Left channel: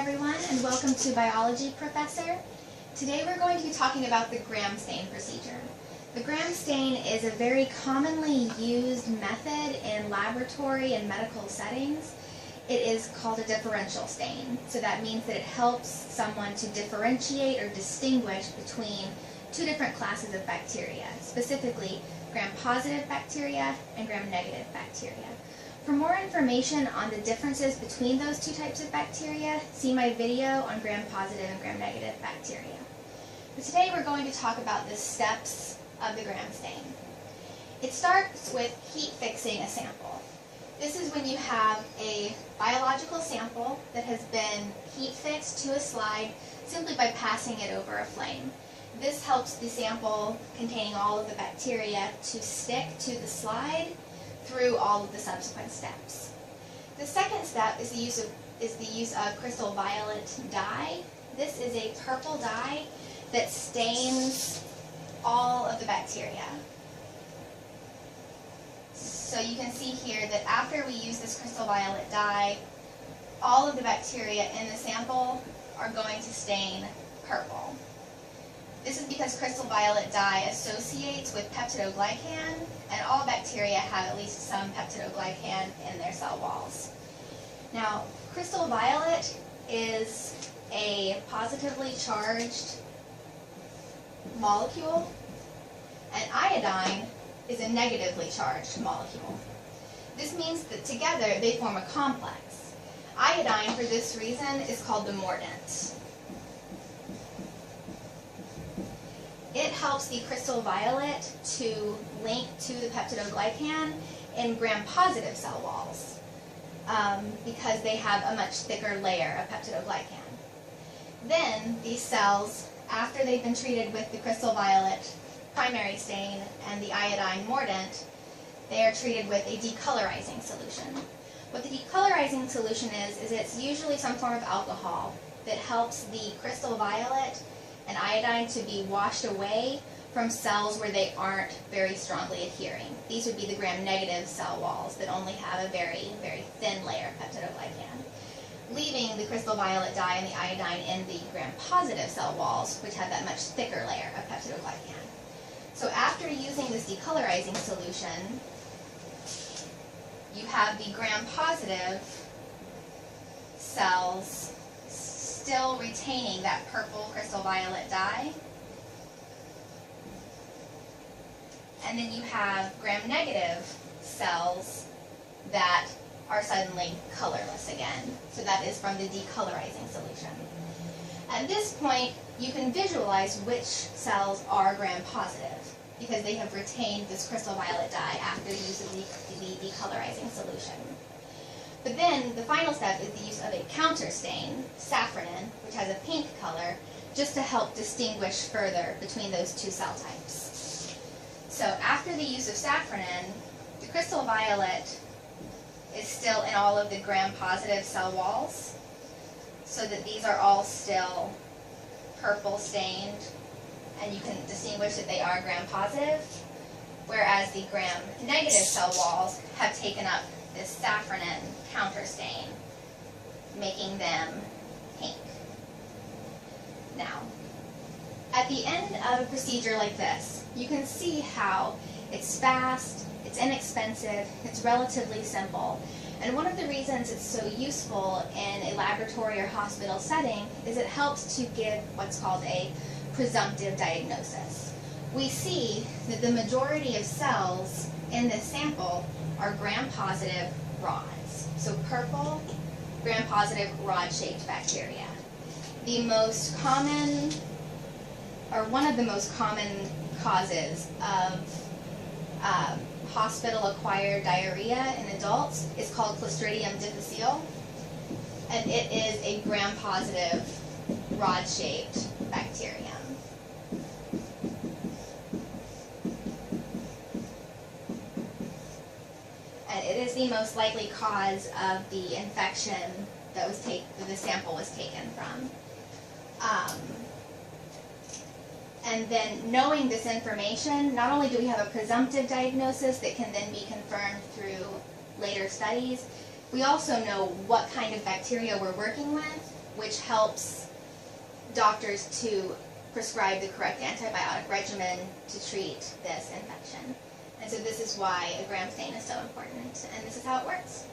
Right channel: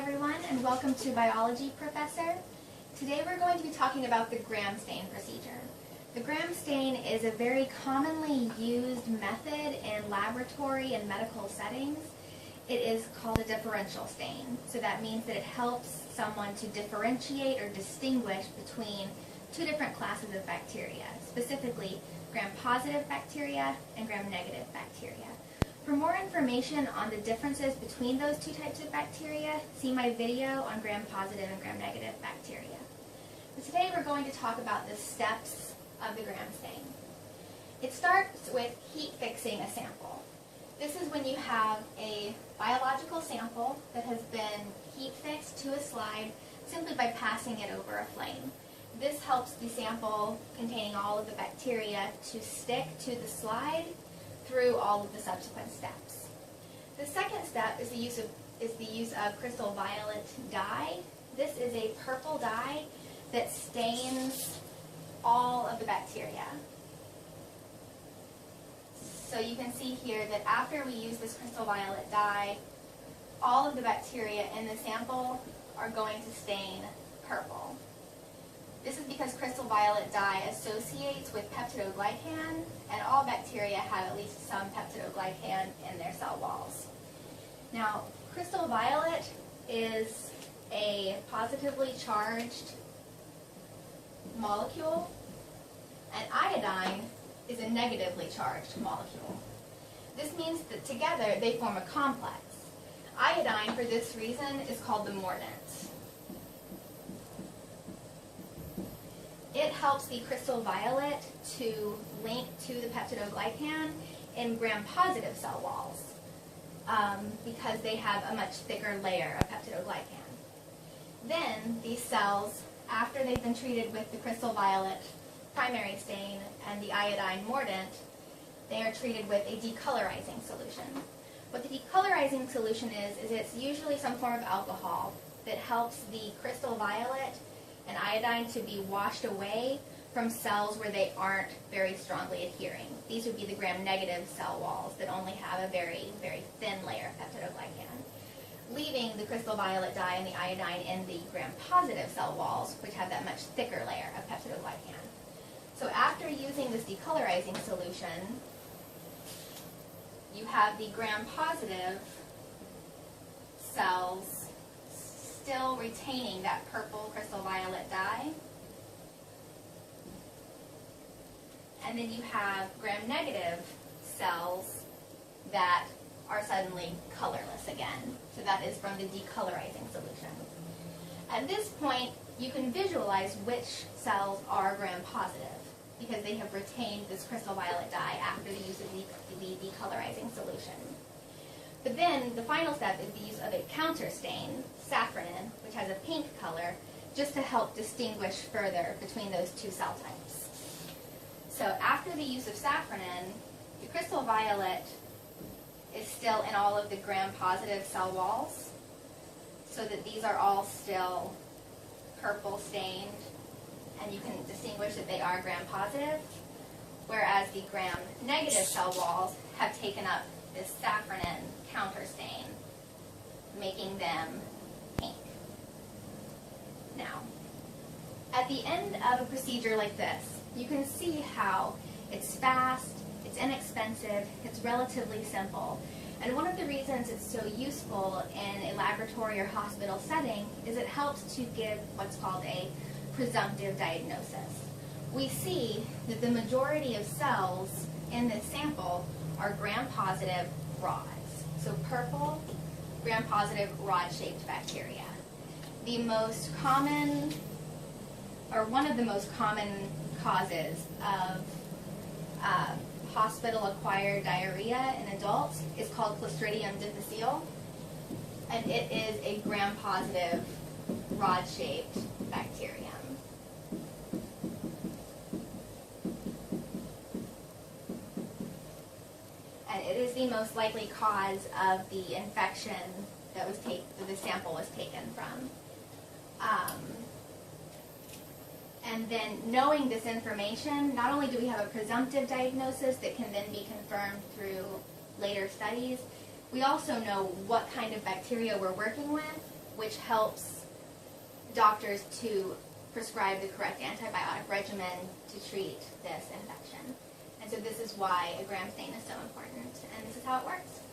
everyone, and welcome to Biology Professor. Today we're going to be talking about the Gram stain procedure. The Gram stain is a very commonly used method in laboratory and medical settings. It is called a differential stain, so that means that it helps someone to differentiate or distinguish between two different classes of bacteria, specifically gram-positive bacteria and gram-negative bacteria. For more information on the differences between those two types of bacteria, see my video on gram-positive and gram-negative bacteria. But today we're going to talk about the steps of the Gram stain. It starts with heat fixing a sample. This is when you have a biological sample that has been heat fixed to a slide simply by passing it over a flame. This helps the sample containing all of the bacteria to stick to the slide through all of the subsequent steps. The second step is the use of crystal violet dye. This is a purple dye that stains all of the bacteria. So you can see here that after we use this crystal violet dye, all of the bacteria in the sample are going to stain purple. This is because crystal violet dye associates with peptidoglycan, and all bacteria have at least some peptidoglycan in their cell walls. Now, crystal violet is a positively charged molecule, and iodine is a negatively charged molecule. This means that together they form a complex. Iodine, for this reason, is called the mordant. It helps the crystal violet to link to the peptidoglycan in gram-positive cell walls because they have a much thicker layer of peptidoglycan. Then these cells, after they've been treated with the crystal violet primary stain and the iodine mordant, they are treated with a decolorizing solution. What the decolorizing solution is it's usually some form of alcohol that helps the crystal violet and iodine to be washed away from cells where they aren't very strongly adhering. These would be the gram-negative cell walls that only have a very, very thin layer of peptidoglycan, leaving the crystal violet dye and the iodine in the gram-positive cell walls, which have that much thicker layer of peptidoglycan. So after using this decolorizing solution, you have the gram-positive cells still retaining that purple crystal violet dye. And then you have gram-negative cells that are suddenly colorless again. So that is from the decolorizing solution. At this point, you can visualize which cells are gram-positive because they have retained this crystal violet dye after the use of the decolorizing solution. But then the final step is the use of a counter stain, safranin, which has a pink color, just to help distinguish further between those two cell types. So after the use of safranin, the crystal violet is still in all of the gram-positive cell walls, so that these are all still purple stained, and you can distinguish that they are gram-positive, whereas the gram-negative cell walls have taken up this safranin counter stain, making them pink. Now, at the end of a procedure like this, you can see how it's fast, it's inexpensive, it's relatively simple. And one of the reasons it's so useful in a laboratory or hospital setting is it helps to give what's called a presumptive diagnosis. We see that the majority of cells in this sample are gram-positive rods. So purple, gram-positive rod-shaped bacteria. The most common, or one of the most common causes of hospital-acquired diarrhea in adults is called Clostridium difficile, and it is a gram-positive rod-shaped bacterium. And it is the most likely cause of the infection that the sample was taken from. And then knowing this information, not only do we have a presumptive diagnosis that can then be confirmed through later studies, we also know what kind of bacteria we're working with, which helps doctors to prescribe the correct antibiotic regimen to treat this infection. And so this is why a Gram stain is so important, and this is how it works.